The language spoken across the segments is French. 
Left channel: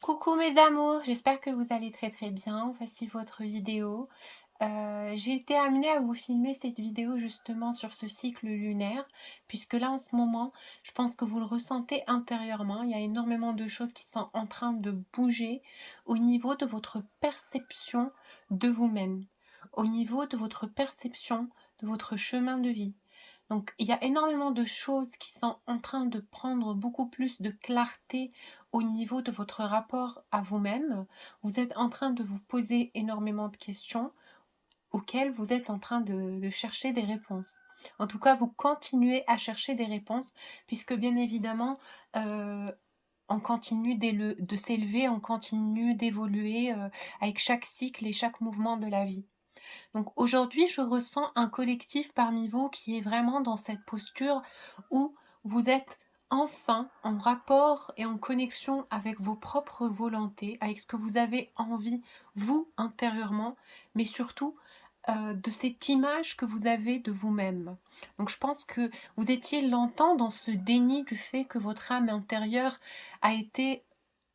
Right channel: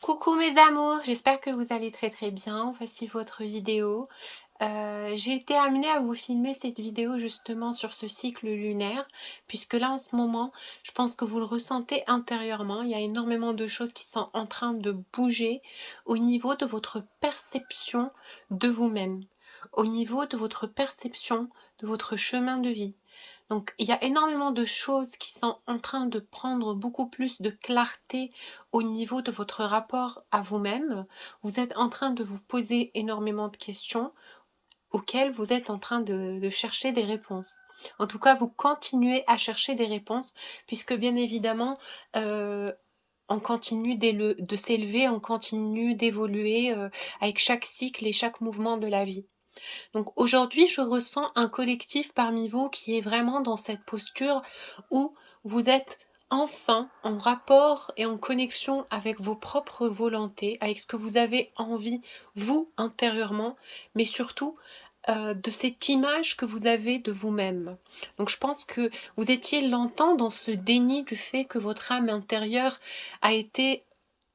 Coucou mes amours, j'espère que vous allez très très bien. Voici votre vidéo. J'ai été amenée à vous filmer cette vidéo justement sur ce cycle lunaire, puisque là en ce moment, je pense que vous le ressentez intérieurement. Il y a énormément de choses qui sont en train de bouger au niveau de votre perception de vous-même, au niveau de votre perception de votre chemin de vie. Donc, il y a énormément de choses qui sont en train de prendre beaucoup plus de clarté au niveau de votre rapport à vous-même. Vous êtes en train de vous poser énormément de questions auxquelles vous êtes en train de chercher des réponses. En tout cas, vous continuez à chercher des réponses puisque bien évidemment, on continue de s'élever, on continue d'évoluer avec chaque cycle et chaque mouvement de la vie. Donc aujourd'hui, je ressens un collectif parmi vous qui est vraiment dans cette posture où vous êtes enfin en rapport et en connexion avec vos propres volontés, avec ce que vous avez envie, vous, intérieurement, mais surtout de cette image que vous avez de vous-même. Donc je pense que vous étiez longtemps dans ce déni du fait que votre âme intérieure a été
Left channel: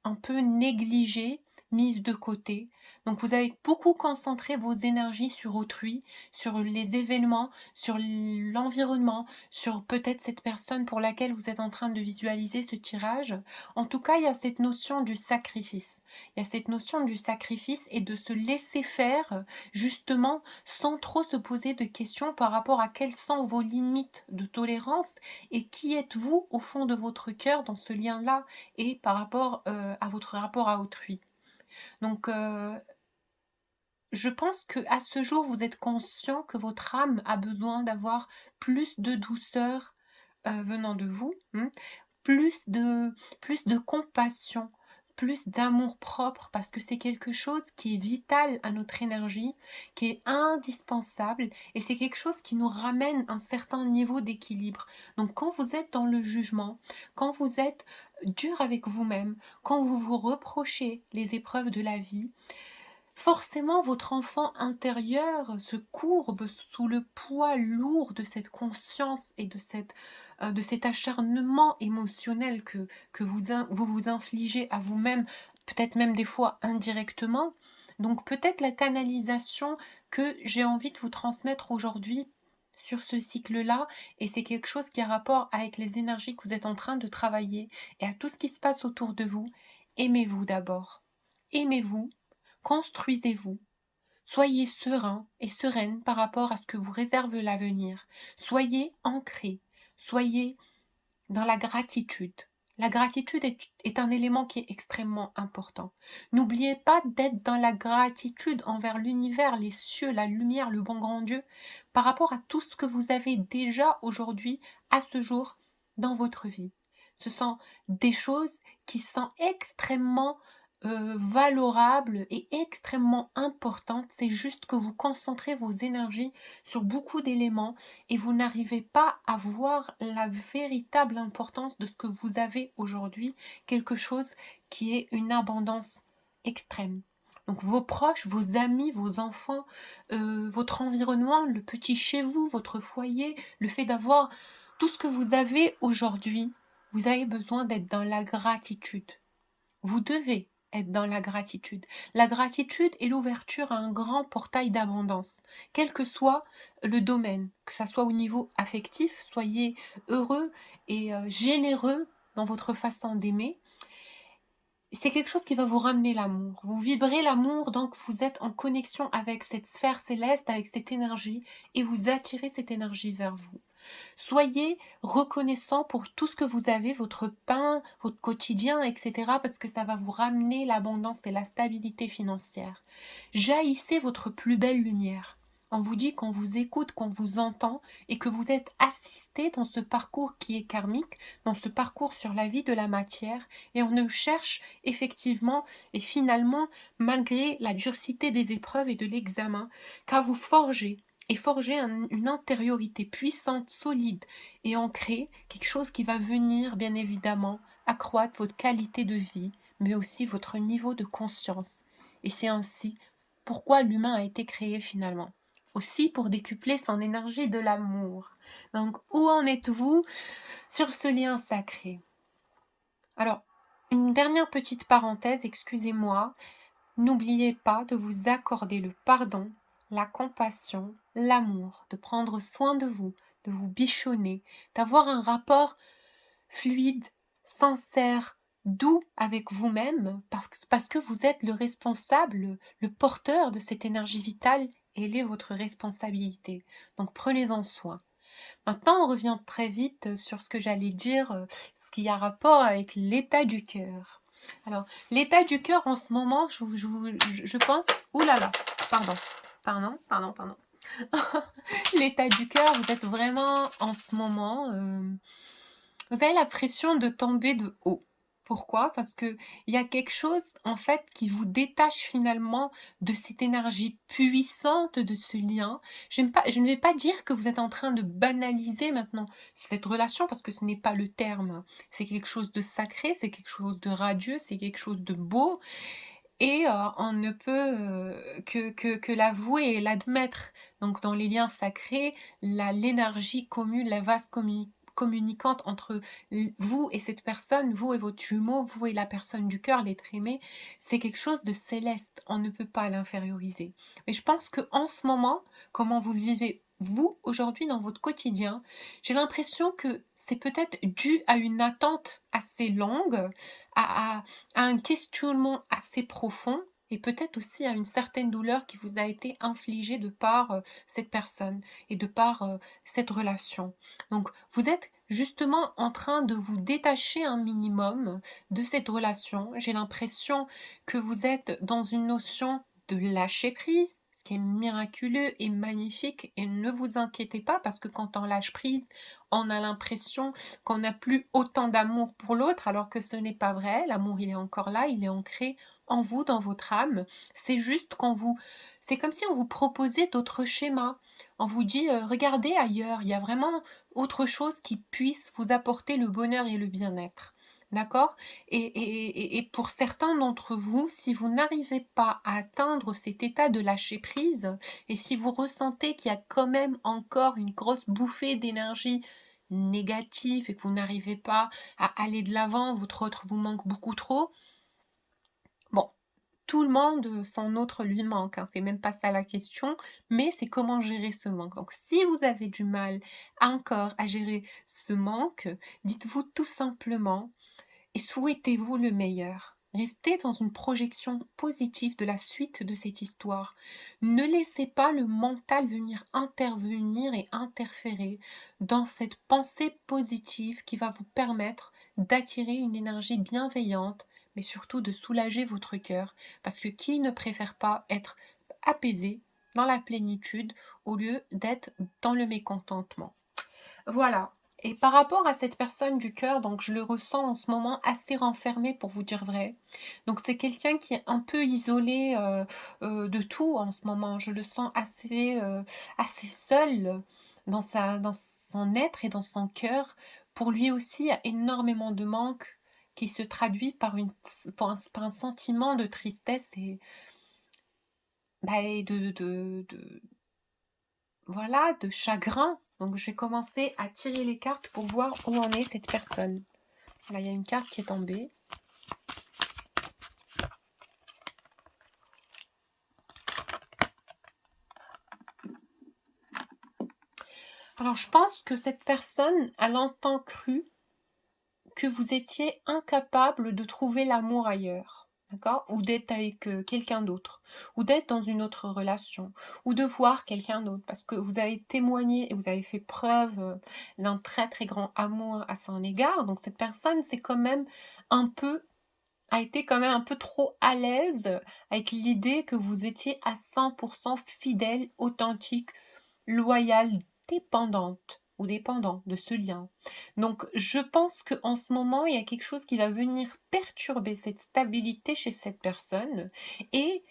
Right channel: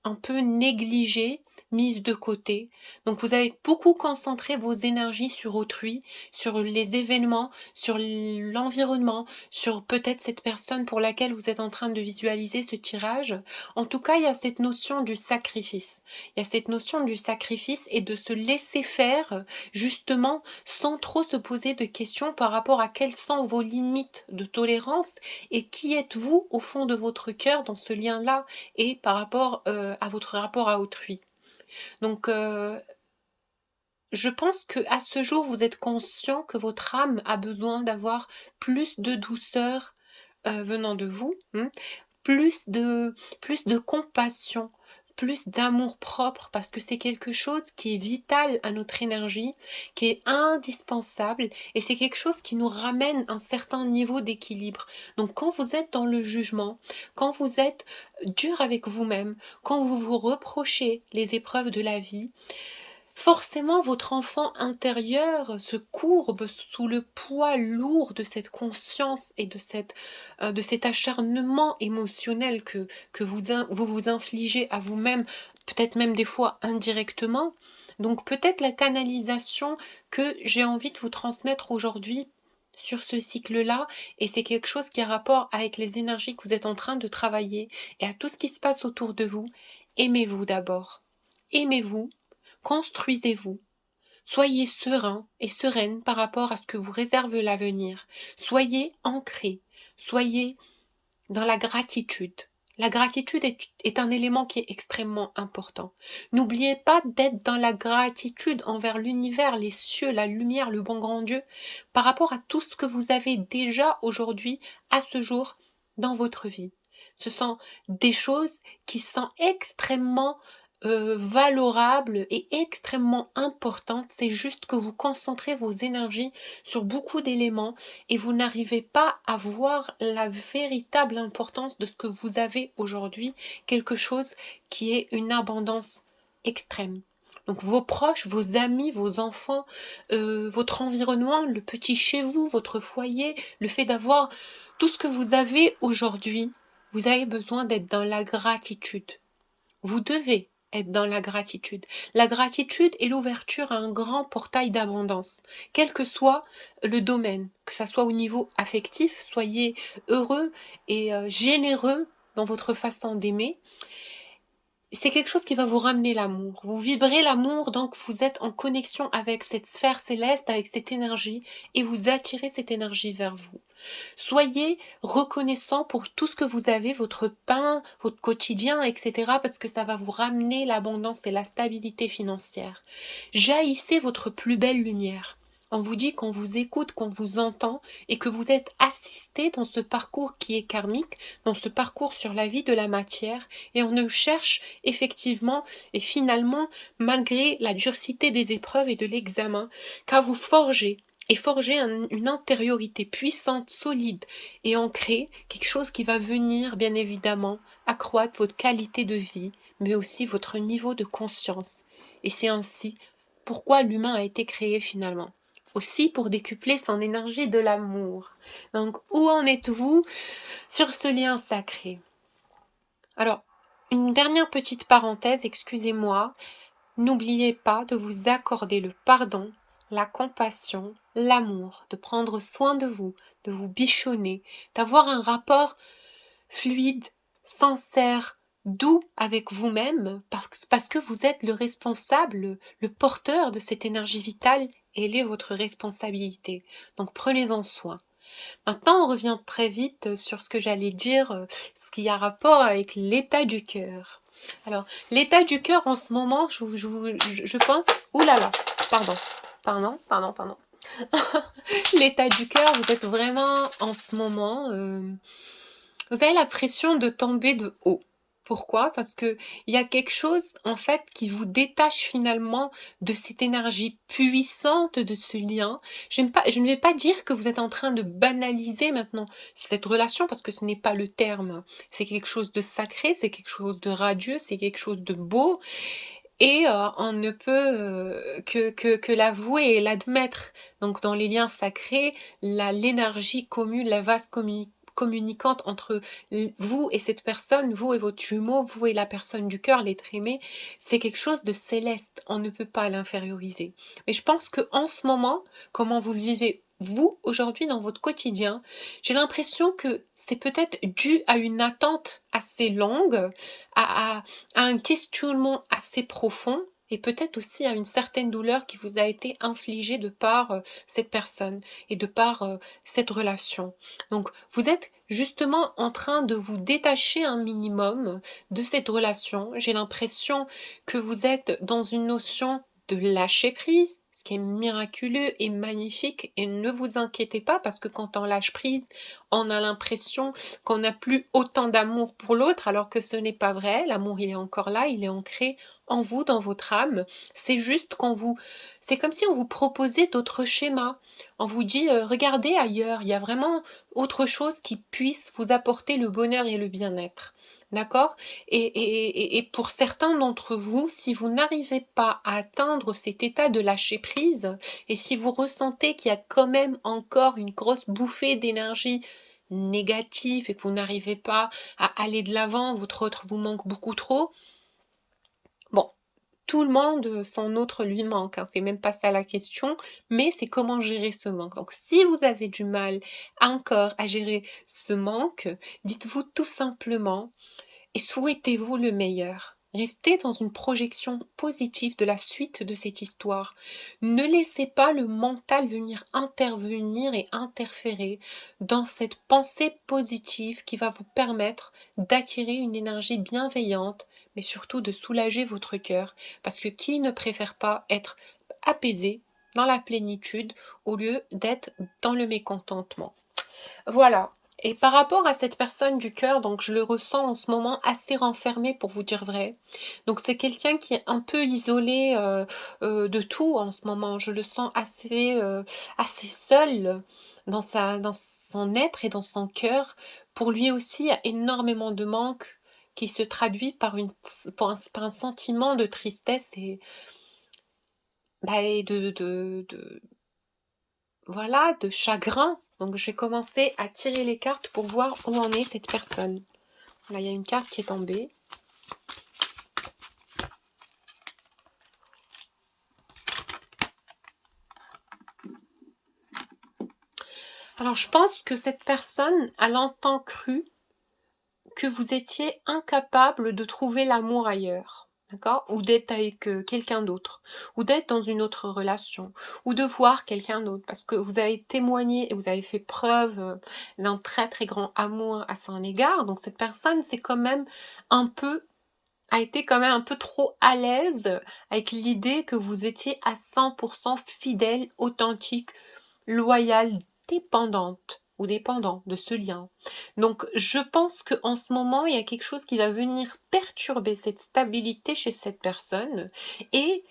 un peu négligée, mise de côté. Donc vous avez beaucoup concentré vos énergies sur autrui, sur les événements, sur l'environnement, sur peut-être cette personne pour laquelle vous êtes en train de visualiser ce tirage. En tout cas, il y a cette notion du sacrifice. Il y a cette notion du sacrifice et de se laisser faire, justement, sans trop se poser de questions par rapport à quelles sont vos limites de tolérance et qui êtes-vous au fond de votre cœur dans ce lien-là et par rapport, à votre rapport à autrui. Donc, je pense que à ce jour, vous êtes conscient que votre âme a besoin d'avoir plus de douceur, venant de vous, plus de plus de compassion, plus d'amour-propre parce que c'est quelque chose qui est vital à notre énergie, qui est indispensable et c'est quelque chose qui nous ramène un certain niveau d'équilibre. Donc quand vous êtes dans le jugement, quand vous êtes dur avec vous-même, quand vous vous reprochez les épreuves de la vie, forcément, votre enfant intérieur se courbe sous le poids lourd de cette conscience et de cet acharnement émotionnel que vous vous infligez à vous-même, peut-être même des fois indirectement. Donc peut-être la canalisation que j'ai envie de vous transmettre aujourd'hui sur ce cycle-là, et c'est quelque chose qui a rapport avec les énergies que vous êtes en train de travailler et à tout ce qui se passe autour de vous. Aimez-vous d'abord. Aimez-vous. Construisez-vous. Soyez serein et sereine par rapport à ce que vous réserve l'avenir. Soyez ancré. Soyez dans la gratitude. La gratitude est un élément qui est extrêmement important. N'oubliez pas d'être dans la gratitude envers l'univers, les cieux, la lumière, le bon grand Dieu, par rapport à tout ce que vous avez déjà aujourd'hui, à ce jour, dans votre vie. Ce sont des choses qui sont extrêmement valorables et extrêmement importantes. C'est juste que vous concentrez vos énergies sur beaucoup d'éléments et vous n'arrivez pas à voir la véritable importance de ce que vous avez aujourd'hui, quelque chose qui est une abondance extrême. Donc vos proches, vos amis, vos enfants, votre environnement, le petit chez vous, votre foyer, le fait d'avoir tout ce que vous avez aujourd'hui, vous avez besoin d'être dans la gratitude. Vous devez être dans la gratitude. La gratitude est l'ouverture à un grand portail d'abondance, quel que soit le domaine, que ça soit au niveau affectif, soyez heureux et généreux dans votre façon d'aimer. C'est quelque chose qui va vous ramener l'amour. Vous vibrez l'amour, donc vous êtes en connexion avec cette sphère céleste, avec cette énergie, et vous attirez cette énergie vers vous. Soyez reconnaissant pour tout ce que vous avez, votre pain, votre quotidien, etc., parce que ça va vous ramener l'abondance et la stabilité financière. Jaillissez votre plus belle lumière. On vous dit qu'on vous écoute, qu'on vous entend et que vous êtes assisté dans ce parcours qui est karmique, dans ce parcours sur la vie de la matière, et on ne cherche effectivement et finalement, malgré la dureté des épreuves et de l'examen, qu'à vous forger et forger une intériorité puissante, solide et ancrée, quelque chose qui va venir bien évidemment accroître votre qualité de vie, mais aussi votre niveau de conscience. Et c'est ainsi pourquoi l'humain a été créé finalement. Aussi pour décupler son énergie de l'amour. Donc où en êtes-vous sur ce lien sacré? Alors, Une dernière petite parenthèse, excusez-moi. N'oubliez pas de vous accorder le pardon, la compassion, l'amour, de prendre soin de vous bichonner, d'avoir un rapport fluide, sincère, doux avec vous-même, parce que vous êtes le responsable, le porteur de cette énergie vitale, et elle est votre responsabilité. Donc prenez-en soin. Maintenant, on revient très vite sur ce que j'allais dire, ce qui a rapport avec l'état du cœur. Alors, l'état du cœur en ce moment, je pense... Ouh là là, pardon, pardon. L'état du cœur, vous êtes vraiment en ce moment, vous avez l'impression de tomber de haut. Pourquoi? Parce que il y a quelque chose, en fait, qui vous détache finalement de cette énergie puissante de ce lien. Je ne vais pas dire que vous êtes en train de banaliser maintenant cette relation, parce que ce n'est pas le terme. C'est quelque chose de sacré, c'est quelque chose de radieux, c'est quelque chose de beau, et on ne peut que l'avouer et l'admettre. Donc dans les liens sacrés, l'énergie commune, la vase communicante entre vous et cette personne, vous et votre jumeau, vous et la personne du cœur, l'être aimé, c'est quelque chose de céleste. On ne peut pas l'inférioriser. Mais je pense que en ce moment, comment vous le vivez vous aujourd'hui dans votre quotidien, j'ai l'impression que c'est peut-être dû à une attente assez longue, à, à un questionnement assez profond, et peut-être aussi à une certaine douleur qui vous a été infligée de par cette personne et de par cette relation. Donc, vous êtes justement en train de vous détacher un minimum de cette relation. J'ai l'impression que vous êtes dans une notion de lâcher prise, ce qui est miraculeux et magnifique. Et ne vous inquiétez pas, parce que quand on lâche prise, on a l'impression qu'on n'a plus autant d'amour pour l'autre, alors que ce n'est pas vrai. L'amour, il est encore là, il est ancré en vous, dans votre âme. C'est juste c'est comme si on vous proposait d'autres schémas. On vous dit, regardez ailleurs, il y a vraiment autre chose qui puisse vous apporter le bonheur et le bien-être. D'accord? Et pour certains d'entre vous, si vous n'arrivez pas à atteindre cet état de lâcher prise, et si vous ressentez qu'il y a quand même encore une grosse bouffée d'énergie négative et que vous n'arrivez pas à aller de l'avant, votre autre vous manque beaucoup trop, bon, tout le monde, son autre lui manque, hein, c'est même pas ça la question, mais c'est comment gérer ce manque. Donc si vous avez du mal encore à gérer ce manque, dites-vous tout simplement et souhaitez-vous le meilleur. Restez dans une projection positive de la suite de cette histoire. Ne laissez pas le mental venir intervenir et interférer dans cette pensée positive qui va vous permettre d'attirer une énergie bienveillante, mais surtout de soulager votre cœur. Parce que qui ne préfère pas être apaisé dans la plénitude au lieu d'être dans le mécontentement? Voilà. Et par rapport à cette personne du cœur, donc je le ressens en ce moment assez renfermé pour vous dire vrai. Donc c'est quelqu'un qui est un peu isolé de tout en ce moment. Je le sens assez seul dans son être et dans son cœur. Pour lui aussi, il y a énormément de manque qui se traduit par un sentiment de tristesse et voilà, de chagrin. Donc je vais commencer à tirer les cartes pour voir où en est cette personne. Voilà, il y a une carte qui est tombée. Alors je pense que cette personne a longtemps cru que vous étiez incapable de trouver l'amour ailleurs. D'accord? Ou d'être avec quelqu'un d'autre, ou d'être dans une autre relation, ou de voir quelqu'un d'autre, parce que vous avez témoigné et vous avez fait preuve d'un très très grand amour à son égard. Donc cette personne, c'est quand même un peu a été quand même un peu trop à l'aise avec l'idée que vous étiez à 100% fidèle, authentique, loyale, dépendante ou dépendant de ce lien. Donc je pense qu'en ce moment, il y a quelque chose qui va venir perturber cette stabilité chez cette personne, et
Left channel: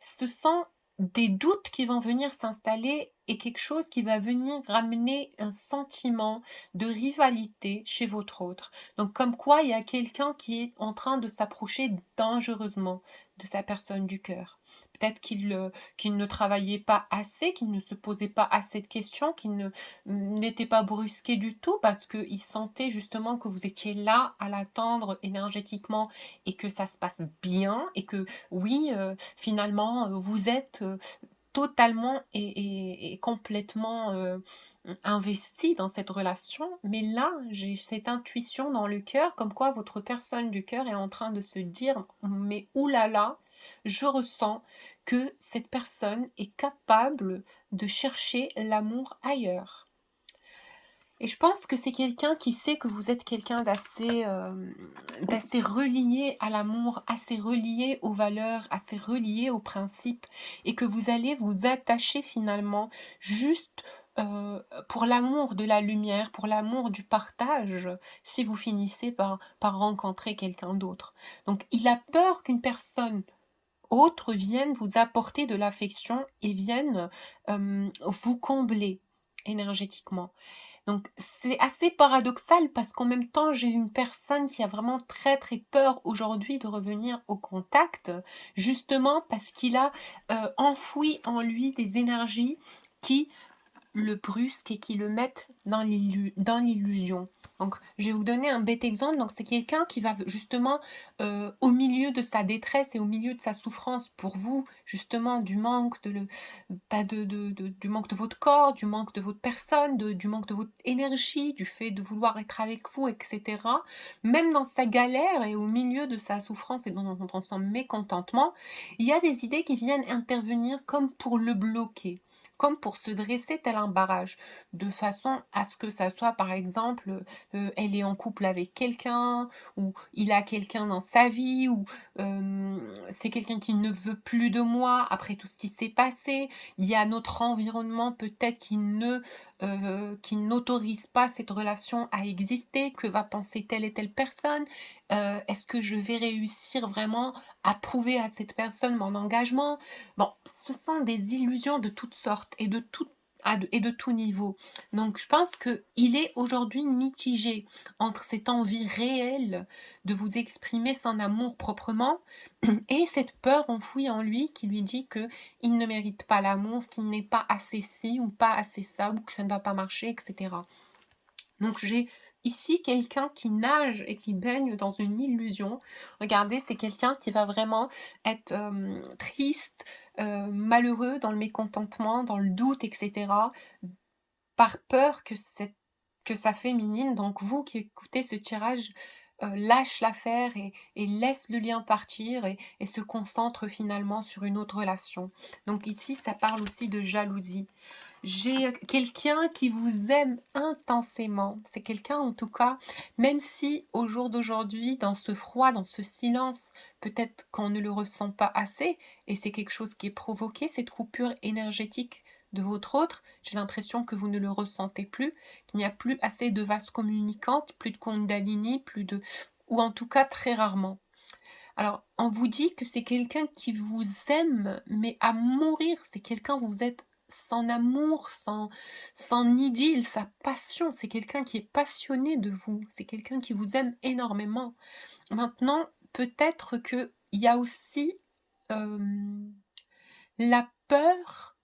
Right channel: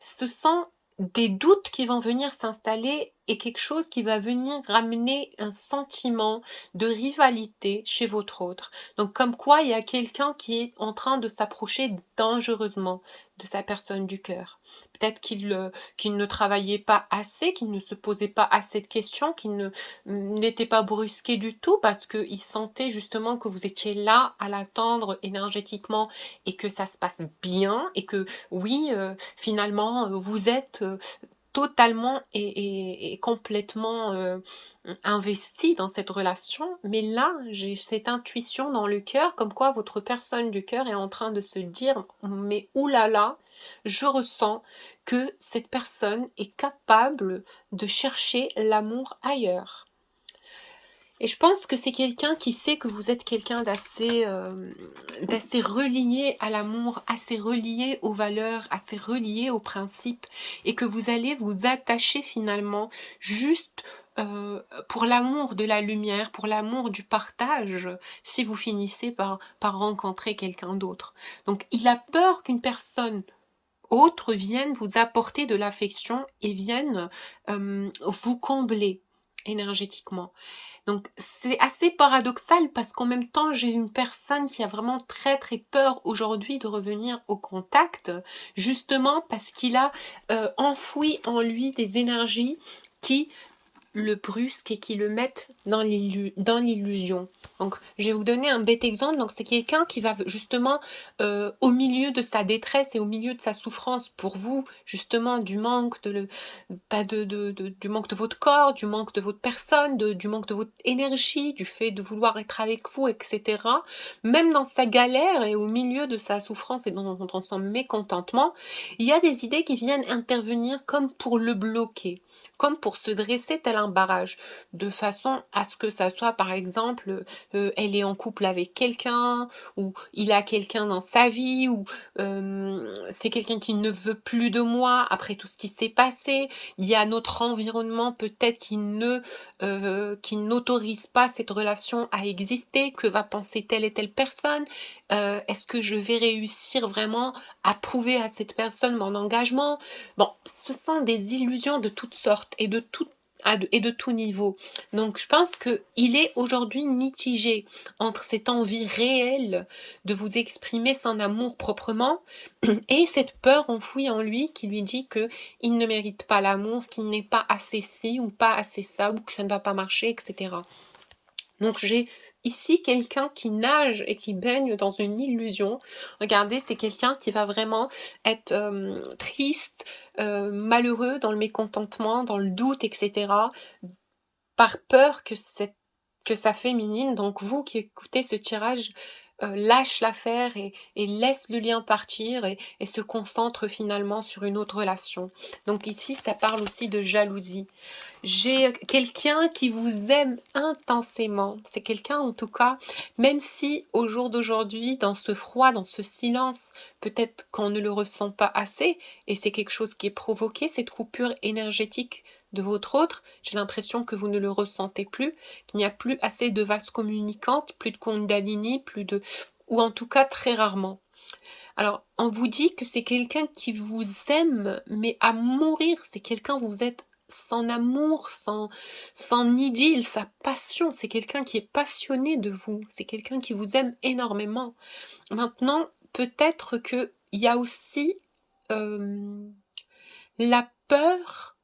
ce sont des doutes qui vont venir s'installer est quelque chose qui va venir ramener un sentiment de rivalité chez votre autre. Donc comme quoi il y a quelqu'un qui est en train de s'approcher dangereusement de sa personne du cœur. Peut-être qu'il ne travaillait pas assez, qu'il ne se posait pas assez de questions, qu'il n'était pas brusqué du tout parce qu'il sentait justement que vous étiez là à l'attendre énergétiquement et que ça se passe bien et que oui, finalement, vous êtes, totalement et complètement, investi dans cette relation. Mais là, j'ai cette intuition dans le cœur comme quoi votre personne du cœur est en train de se dire: «Mais ouh là là, je ressens que cette personne est capable de chercher l'amour ailleurs». Et je pense que c'est quelqu'un qui sait que vous êtes quelqu'un d'assez relié à l'amour, assez relié aux valeurs, assez relié aux principes et que vous allez vous attacher finalement juste, pour l'amour de la lumière, pour l'amour du partage, si vous finissez par rencontrer quelqu'un d'autre. Donc il a peur qu'une personne autre vienne vous apporter de l'affection et vienne, vous combler énergétiquement. Donc c'est assez paradoxal parce qu'en même temps, j'ai une personne qui a vraiment très, très peur aujourd'hui de revenir au contact, justement parce qu'il a, enfoui en lui des énergies qui le brusquent et qui le mettent dans l'illusion. Donc, je vais vous donner un bête exemple. Donc, c'est quelqu'un qui va justement, au milieu de sa détresse et au milieu de sa souffrance pour vous, justement, du manque du manque de votre corps, du manque de votre personne, du manque de votre énergie, du fait de vouloir être avec vous, etc. Même dans sa galère et au milieu de sa souffrance et dans son mécontentement, il y a des idées qui viennent intervenir comme pour le bloquer, comme pour se dresser tel un barrage, de façon à ce que ça soit, par exemple, elle est en couple avec quelqu'un, ou il a quelqu'un dans sa vie, ou c'est quelqu'un qui ne veut plus de moi après tout ce qui s'est passé. Il y a notre environnement peut-être qui n'autorise pas cette relation à exister. Que va penser telle et telle personne? Est-ce que je vais réussir vraiment à prouver à cette personne mon engagement? Bon, ce sont des illusions de toutes sortes et de tout niveau. Donc je pense qu'il est aujourd'hui mitigé entre cette envie réelle de vous exprimer son amour proprement et cette peur enfouie en lui qui lui dit qu'il ne mérite pas l'amour, qu'il n'est pas assez ci ou pas assez ça, ou que ça ne va pas marcher, etc. Donc j'ai ici quelqu'un qui nage et qui baigne dans une illusion. Regardez, c'est quelqu'un qui va vraiment être, triste, malheureux, dans le mécontentement, dans le doute, etc., par peur que sa féminine, donc vous qui écoutez ce tirage, lâche l'affaire et laisse le lien partir et se concentre finalement sur une autre relation. Donc ici, ça parle aussi de jalousie. J'ai, quelqu'un qui vous aime intensément. C'est quelqu'un en tout cas, même si au jour d'aujourd'hui, dans ce froid, dans ce silence, peut-être qu'on ne le ressent pas assez et c'est quelque chose qui est provoqué, cette coupure énergétique de votre autre. J'ai l'impression que vous ne le ressentez plus, qu'il n'y a plus assez de vases communicantes, plus de kundalini, plus de ou en tout cas très rarement. Alors, on vous dit que c'est quelqu'un qui vous aime, mais à mourir. C'est quelqu'un, vous êtes sans amour, sans idylle, sa passion. C'est quelqu'un qui est passionné de vous. C'est quelqu'un qui vous aime énormément. Maintenant, peut-être qu'il y a aussi la peur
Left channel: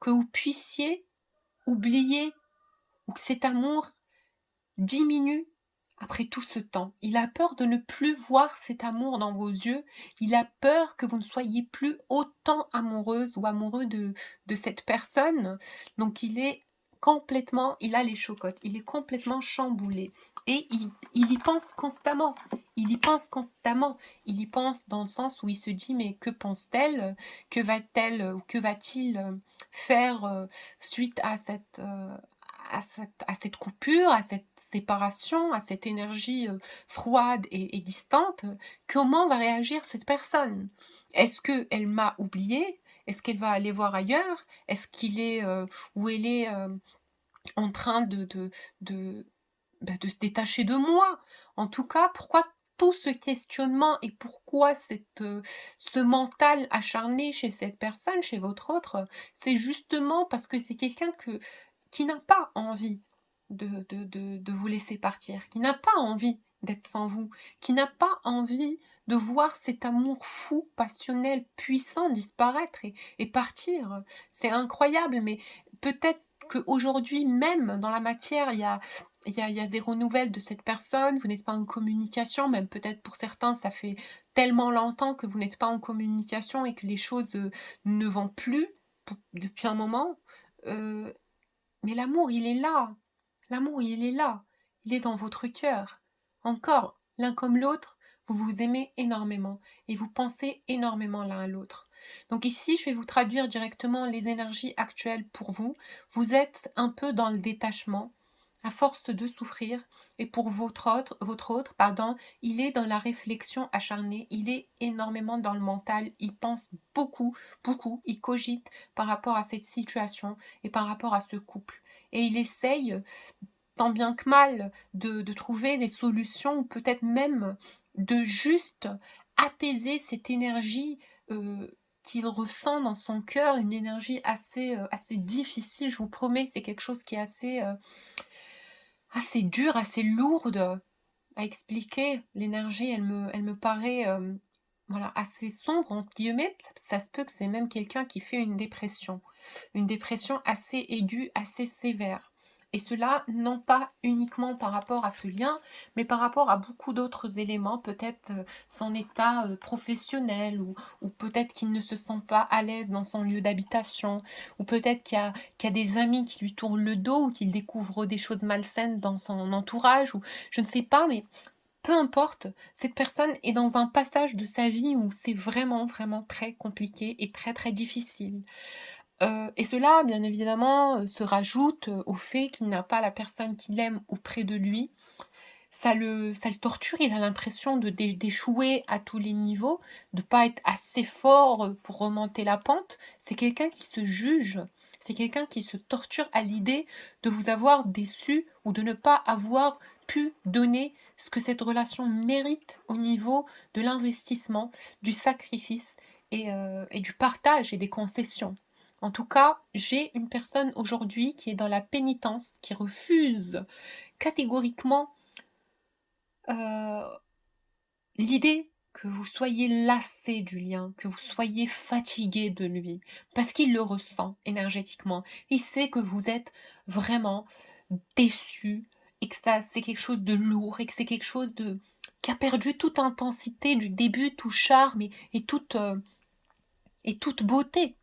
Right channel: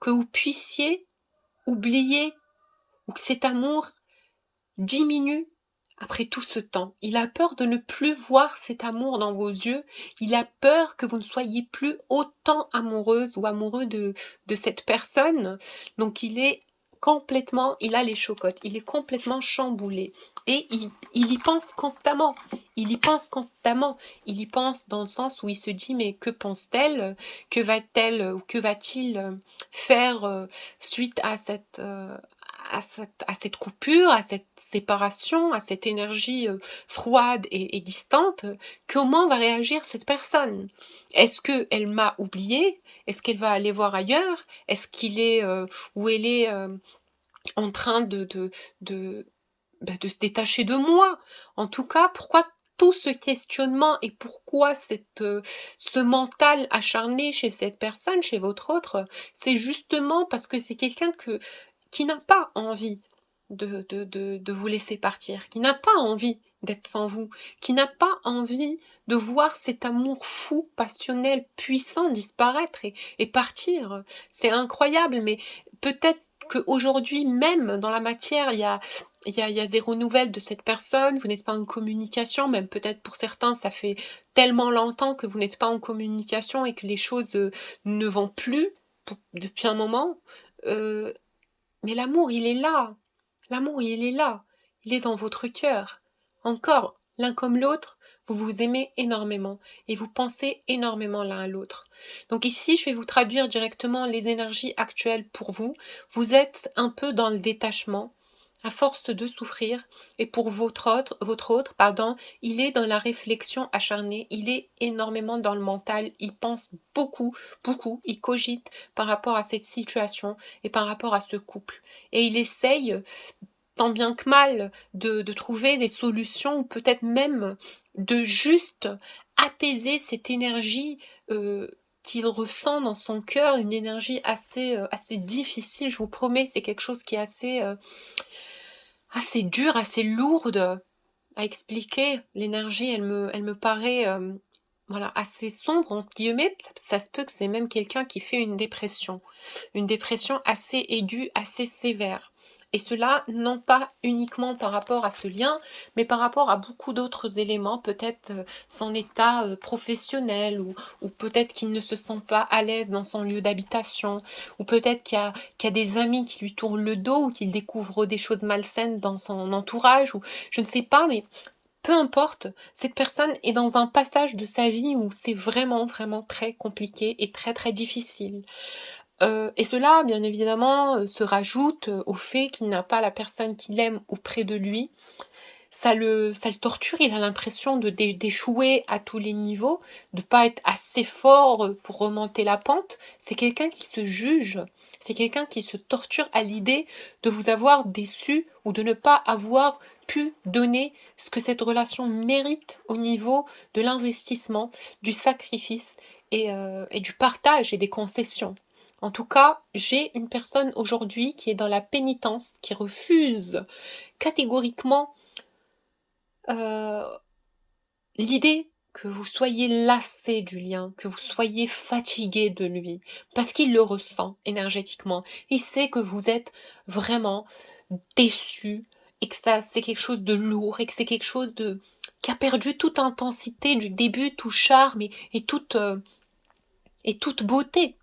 que vous puissiez oublier ou que cet amour diminue après tout ce temps. Il a peur de ne plus voir cet amour dans vos yeux. Il a peur que vous ne soyez plus autant amoureuse ou amoureux de cette personne. Donc il a les chocottes, il est complètement chamboulé. Et il y pense constamment. Il y pense constamment. Il y pense dans le sens où il se dit, mais que pense-t-elle? Que va-t-elle ou que va-t-il faire suite à cette coupure, à cette séparation, à cette énergie, froide et distante, comment va réagir cette personne? Est-ce qu'elle m'a oubliée? Est-ce qu'elle va aller voir ailleurs? Est-ce qu'il est, ou elle est, en train de se détacher de moi? En tout cas, pourquoi tout ce questionnement et pourquoi ce mental acharné chez cette personne, chez votre autre, c'est justement parce que c'est quelqu'un qui n'a pas envie de vous laisser partir, qui n'a pas envie d'être sans vous, qui n'a pas envie de voir cet amour fou, passionnel, puissant disparaître et partir. C'est incroyable, mais peut-être qu'aujourd'hui même, dans la matière, il y a 0 nouvelle de cette personne, vous n'êtes pas en communication, même peut-être pour certains, ça fait tellement longtemps que vous n'êtes pas en communication et que les choses, ne vont plus depuis un moment, heu, mais l'amour, il est là. L'amour, il est là. Il est dans votre cœur. Encore, l'un comme l'autre, vous vous aimez énormément et vous pensez énormément l'un à l'autre. Donc ici, je vais vous traduire directement les énergies actuelles pour vous. Vous êtes un peu dans le détachement, à force de souffrir, et pour votre autre, pardon, il est dans la réflexion acharnée, il est énormément dans le mental, il pense beaucoup, beaucoup, il cogite par rapport à cette situation et par rapport à ce couple. Et il essaye, tant bien que mal, de trouver des solutions ou peut-être même de juste apaiser cette énergie, qu'il ressent dans son cœur, une énergie assez difficile, je vous promets, c'est quelque chose qui est assez dur, assez lourde à expliquer. L'énergie, elle me paraît, voilà, assez «sombre» entre guillemets. Ça se peut que c'est même quelqu'un qui fait une dépression assez aiguë, assez sévère. Et cela, non pas uniquement par rapport à ce lien, mais par rapport à beaucoup d'autres éléments, peut-être, son état, professionnel ou peut-être qu'il ne se sent pas à l'aise dans son lieu d'habitation ou peut-être qu'il y a des amis qui lui tournent le dos ou qu'il découvre des choses malsaines dans son entourage ou je ne sais pas, mais peu importe, cette personne est dans un passage de sa vie où c'est vraiment, vraiment très compliqué et très, très difficile. Et cela, bien évidemment, se rajoute, au fait qu'il n'a pas la personne qu'il aime auprès de lui. Ça le torture, il a l'impression d'échouer à tous les niveaux, de pas être assez fort, pour remonter la pente. C'est quelqu'un qui se juge, c'est quelqu'un qui se torture à l'idée de vous avoir déçu ou de ne pas avoir pu donner ce que cette relation mérite au niveau de l'investissement, du sacrifice et du partage et des concessions. En tout cas, j'ai une personne aujourd'hui qui est dans la pénitence, qui refuse catégoriquement Heu, l'idée que vous soyez lassé du lien, que vous soyez fatigué de lui, parce qu'il le ressent énergétiquement. Il sait que vous êtes vraiment déçu et que ça c'est quelque chose de lourd et que c'est quelque chose de qui a perdu toute intensité du début, tout charme et toute beauté.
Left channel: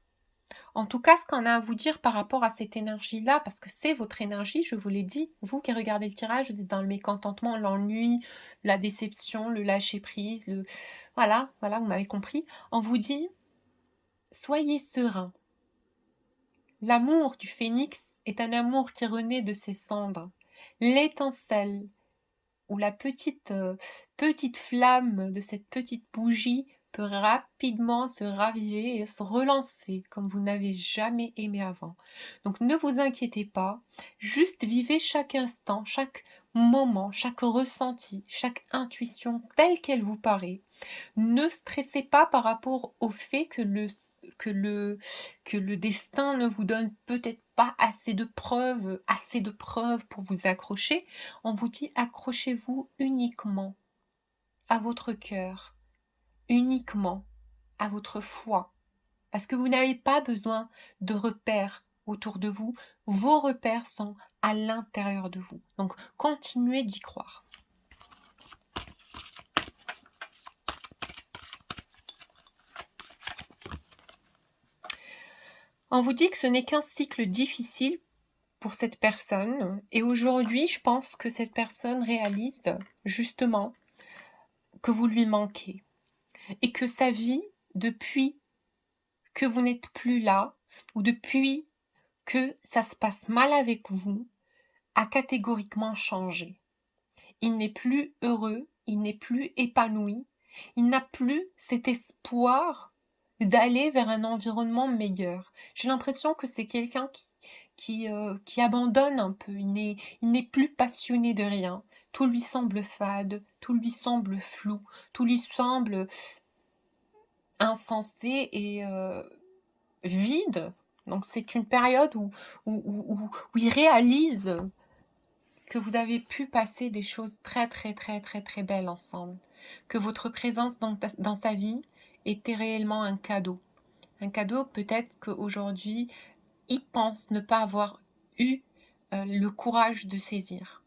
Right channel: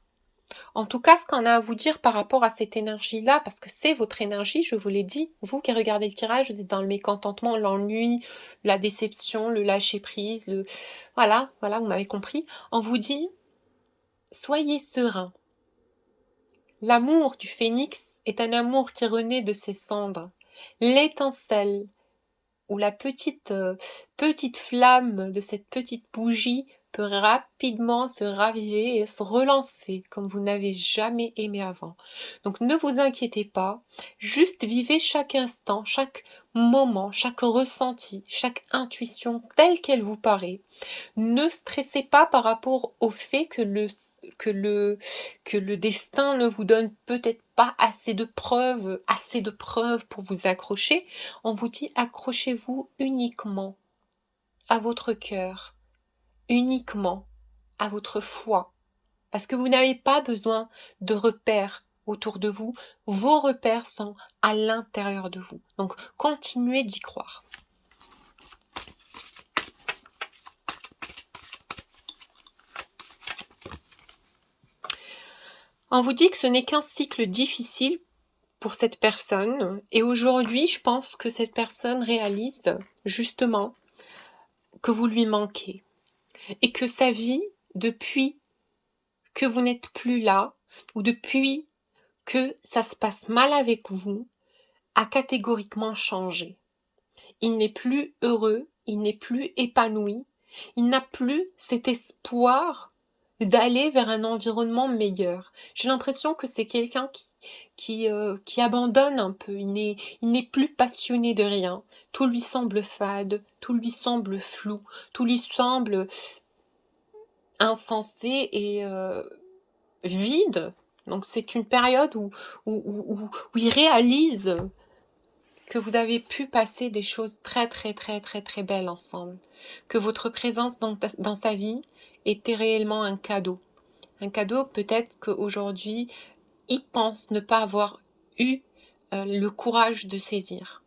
En tout cas, ce qu'on a à vous dire par rapport à cette énergie-là, parce que c'est votre énergie, je vous l'ai dit, vous qui regardez le tirage, vous êtes dans le mécontentement, l'ennui, la déception, le lâcher-prise, voilà, voilà, vous m'avez compris. On vous dit, soyez serein. L'amour du phénix est un amour qui renaît de ses cendres. L'étincelle où la petite flamme de cette petite bougie peut rapidement se raviver et se relancer comme vous n'avez jamais aimé avant. Donc ne vous inquiétez pas, juste vivez chaque instant, chaque moment, chaque ressenti, chaque intuition telle qu'elle vous paraît. Ne stressez pas par rapport au fait que le que le destin ne vous donne peut-être pas assez de preuves pour vous accrocher. On vous dit accrochez-vous uniquement à votre cœur, uniquement à votre foi, parce que vous n'avez pas besoin de repères autour de vous, vos repères sont à l'intérieur de vous. Donc continuez d'y croire. On vous dit que ce n'est qu'un cycle difficile pour cette personne et aujourd'hui, je pense que cette personne réalise justement que vous lui manquez et que sa vie, depuis que vous n'êtes plus là ou depuis que ça se passe mal avec vous, a catégoriquement changé. Il n'est plus heureux, il n'est plus épanoui, il n'a plus cet espoir d'aller vers un environnement meilleur. J'ai l'impression que c'est quelqu'un qui abandonne un peu. Il n'est plus passionné de rien. Tout lui semble fade, tout lui semble flou, tout lui semble insensé et vide. Donc c'est une période où il réalise que vous avez pu passer des choses très, très, très, très, très belles ensemble. Que votre présence dans sa vie était réellement un cadeau. Un cadeau peut-être qu'aujourd'hui, il pense ne pas avoir eu le courage de saisir.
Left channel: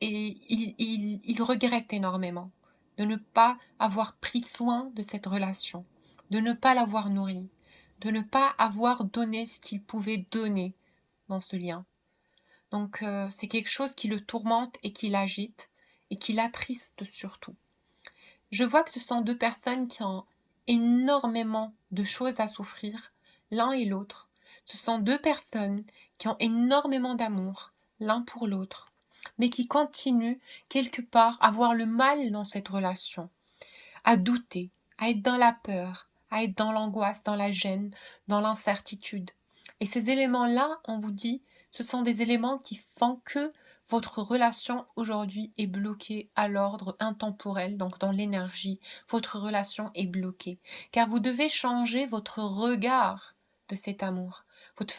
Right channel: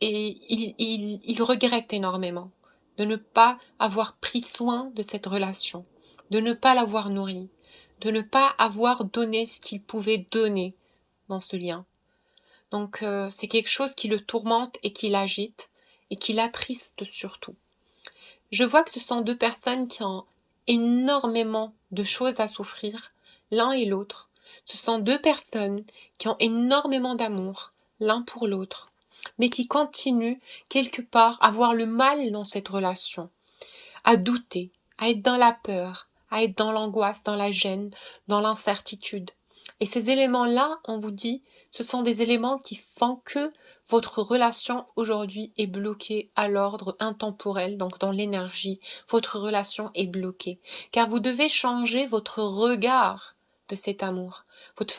Et il regrette énormément de ne pas avoir pris soin de cette relation, de ne pas l'avoir nourrie, de ne pas avoir donné ce qu'il pouvait donner dans ce lien. Donc c'est quelque chose qui le tourmente et qui l'agite et qui l'attriste surtout. Je vois que ce sont deux personnes qui ont énormément de choses à souffrir, l'un et l'autre. Ce sont deux personnes qui ont énormément d'amour, l'un pour l'autre, mais qui continuent quelque part à voir le mal dans cette relation, à douter, à être dans la peur, à être dans l'angoisse, dans la gêne, dans l'incertitude. Et ces éléments-là, on vous dit, ce sont des éléments qui font que votre relation aujourd'hui est bloquée à l'ordre intemporel, donc dans l'énergie. Votre relation est bloquée. Car vous devez changer votre regard de cet amour, votre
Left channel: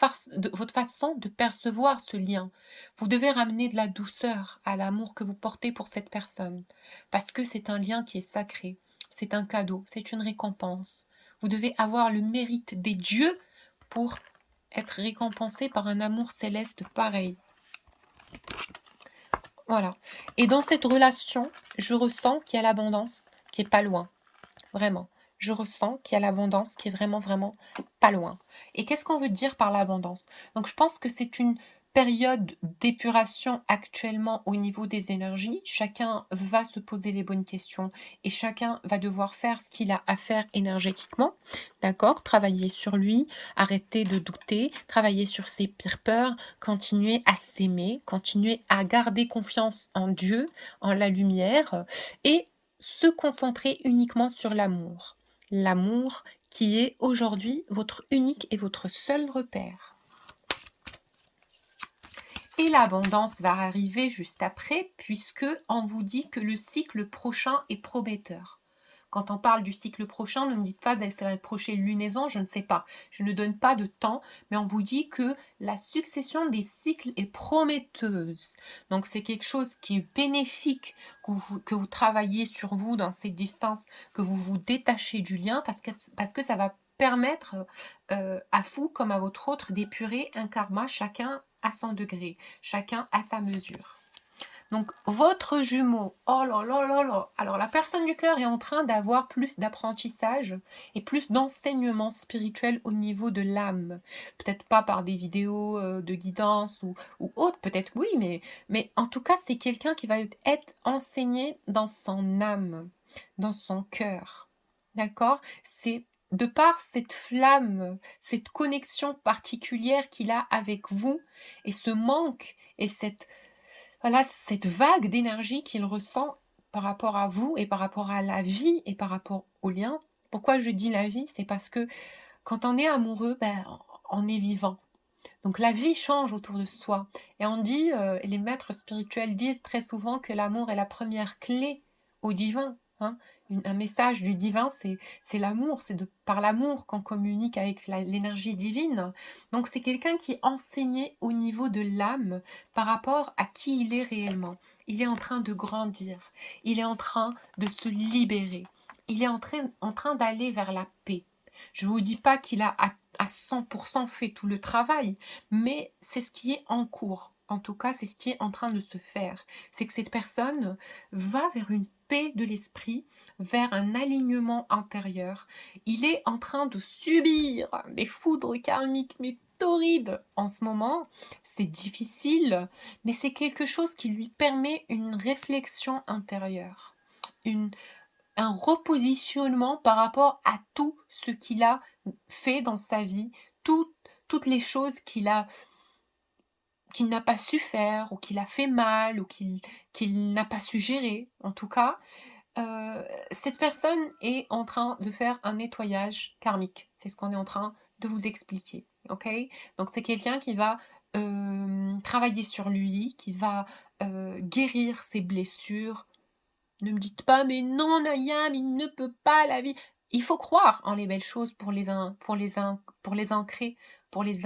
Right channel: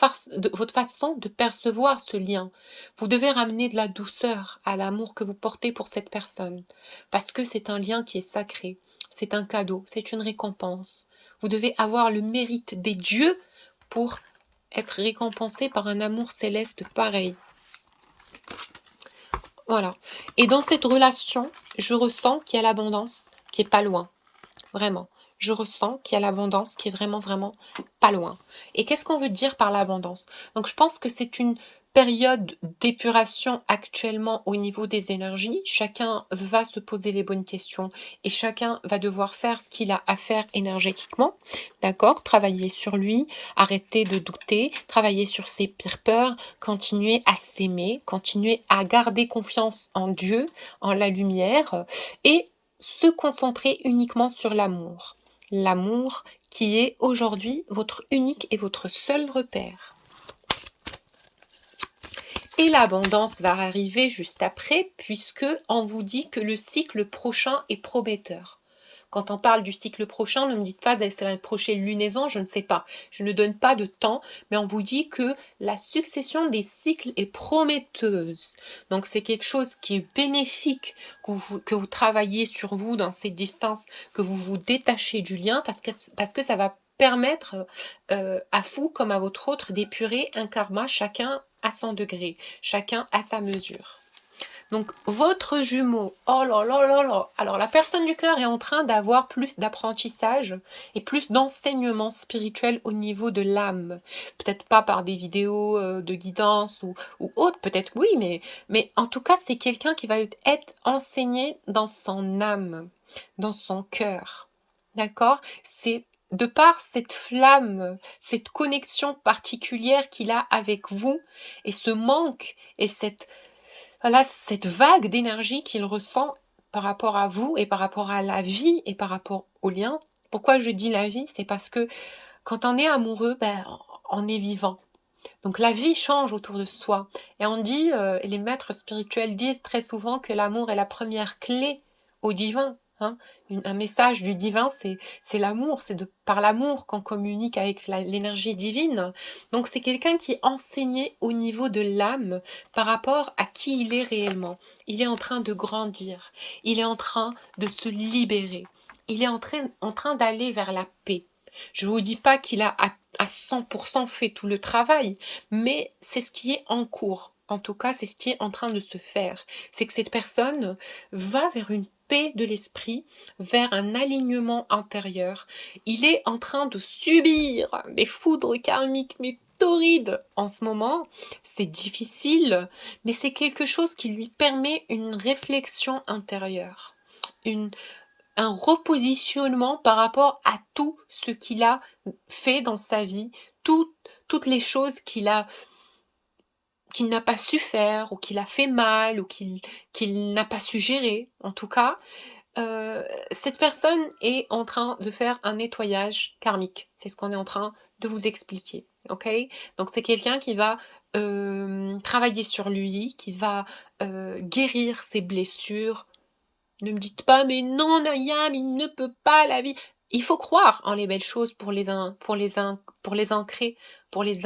façon de percevoir ce lien. Vous devez ramener de la douceur à l'amour que vous portez pour cette personne. Parce que c'est un lien qui est sacré. C'est un cadeau, c'est une récompense. Vous devez avoir le mérite des dieux pour être récompensé par un amour céleste pareil. Voilà. Et dans cette relation, je ressens qu'il y a l'abondance qui est pas loin. Vraiment. Je ressens qu'il y a l'abondance qui est vraiment, vraiment pas loin. Et qu'est-ce qu'on veut dire par l'abondance? Donc, je pense que c'est une période d'épuration actuellement au niveau des énergies. Chacun va se poser les bonnes questions et chacun va devoir faire ce qu'il a à faire énergétiquement. D'accord? Travailler sur lui, arrêter de douter, travailler sur ses pires peurs, continuer à s'aimer, continuer à garder confiance en Dieu, en la lumière et se concentrer uniquement sur l'amour. L'amour qui est aujourd'hui votre unique et votre seul repère. Et l'abondance va arriver juste après, puisque on vous dit que le cycle prochain est prometteur. Quand on parle du cycle prochain, ne me dites pas c'est la prochaine lunaison, je ne sais pas. Je ne donne pas de temps, mais on vous dit que la succession des cycles est prometteuse. Donc c'est quelque chose qui est bénéfique, que vous travaillez sur vous dans ces distances, que vous vous détachez du lien, parce que ça va permettre à vous comme à votre autre d'épurer un karma, chacun à son degré, chacun à sa mesure. Donc, votre jumeau, oh là là là là, alors la personne du cœur est en train d'avoir plus d'apprentissage et plus d'enseignement spirituel au niveau de l'âme. Peut-être pas par des vidéos de guidance ou autre, peut-être oui, mais en tout cas, c'est quelqu'un qui va être enseigné dans son âme, dans son cœur. D'accord? C'est de par cette flamme, cette connexion particulière qu'il a avec vous et ce manque et cette vague d'énergie qu'il ressent par rapport à vous et par rapport à la vie et par rapport au lien. Pourquoi je dis la vie? C'est parce que quand on est amoureux, on est vivant. Donc la vie change autour de soi. Et on dit, et les maîtres spirituels disent très souvent que l'amour est la première clé au divin. Hein. Un message du divin, c'est l'amour, c'est par l'amour qu'on communique avec l'énergie divine. Donc c'est quelqu'un qui est enseigné au niveau de l'âme par rapport à qui il est réellement. Il est en train de grandir, il est en train de se libérer, il est en train d'aller vers la paix. Je ne vous dis pas qu'il a à 100% fait tout le travail, mais c'est ce qui est en cours. En tout cas, c'est ce qui est en train de se faire. C'est que cette personne va vers une paix de l'esprit, vers un alignement intérieur. Il est en train de subir des foudres karmiques, mais torrides en ce moment. C'est difficile, mais c'est quelque chose qui lui permet une réflexion intérieure, un repositionnement par rapport à tout ce qu'il a fait dans sa vie, toutes les choses qu'il n'a pas su faire, ou qu'il a fait mal, ou qu'il n'a pas su gérer, en tout cas. cette personne est en train de faire un nettoyage karmique. C'est ce qu'on est en train de vous expliquer, OK? Donc c'est quelqu'un qui va, travailler sur lui, qui va, guérir ses blessures. Ne me dites pas: «Mais non, Nayam, il ne peut pas, la vie». Il faut croire en les belles choses pour les ancrer, pour les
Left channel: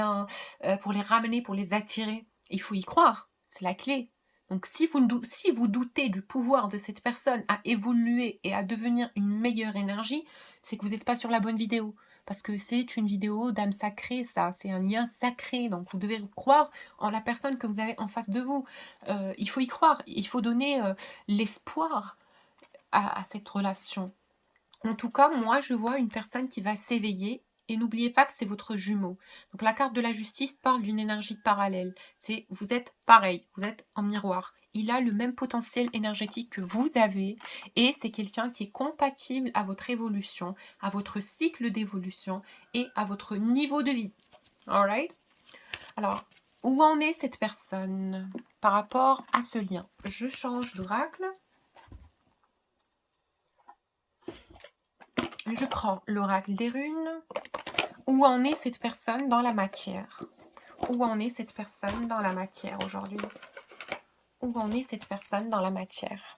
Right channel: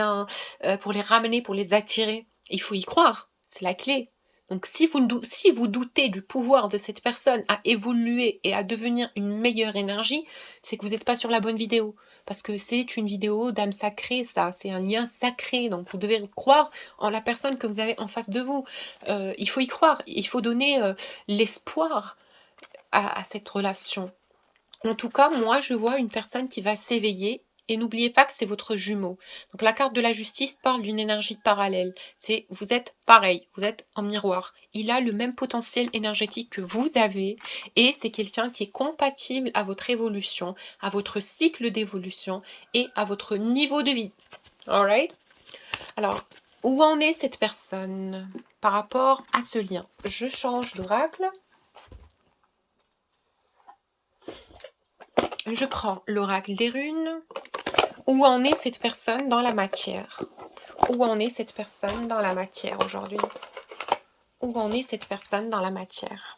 ramener, pour les attirer. Il faut y croire, c'est la clé. Donc si vous doutez du pouvoir de cette personne à évoluer et à devenir une meilleure énergie, c'est que vous n'êtes pas sur la bonne vidéo. Parce que c'est une vidéo d'âme sacrée ça, c'est un lien sacré, donc vous devez croire en la personne que vous avez en face de vous. Il faut y croire, il faut donner, l'espoir à cette relation. En tout cas, moi, je vois une personne qui va s'éveiller et n'oubliez pas que c'est votre jumeau. Donc la carte de la justice parle d'une énergie parallèle. C'est vous êtes pareil, vous êtes en miroir. Il a le même potentiel énergétique que vous avez et c'est quelqu'un qui est compatible à votre évolution, à votre cycle d'évolution et à votre niveau de vie. Alright? Alors, où en est cette personne par rapport à ce lien? Je change d'oracle. Je prends l'oracle des runes. Où en est cette personne dans la matière? Où en est cette personne dans la matière aujourd'hui? Où en est cette personne dans la matière?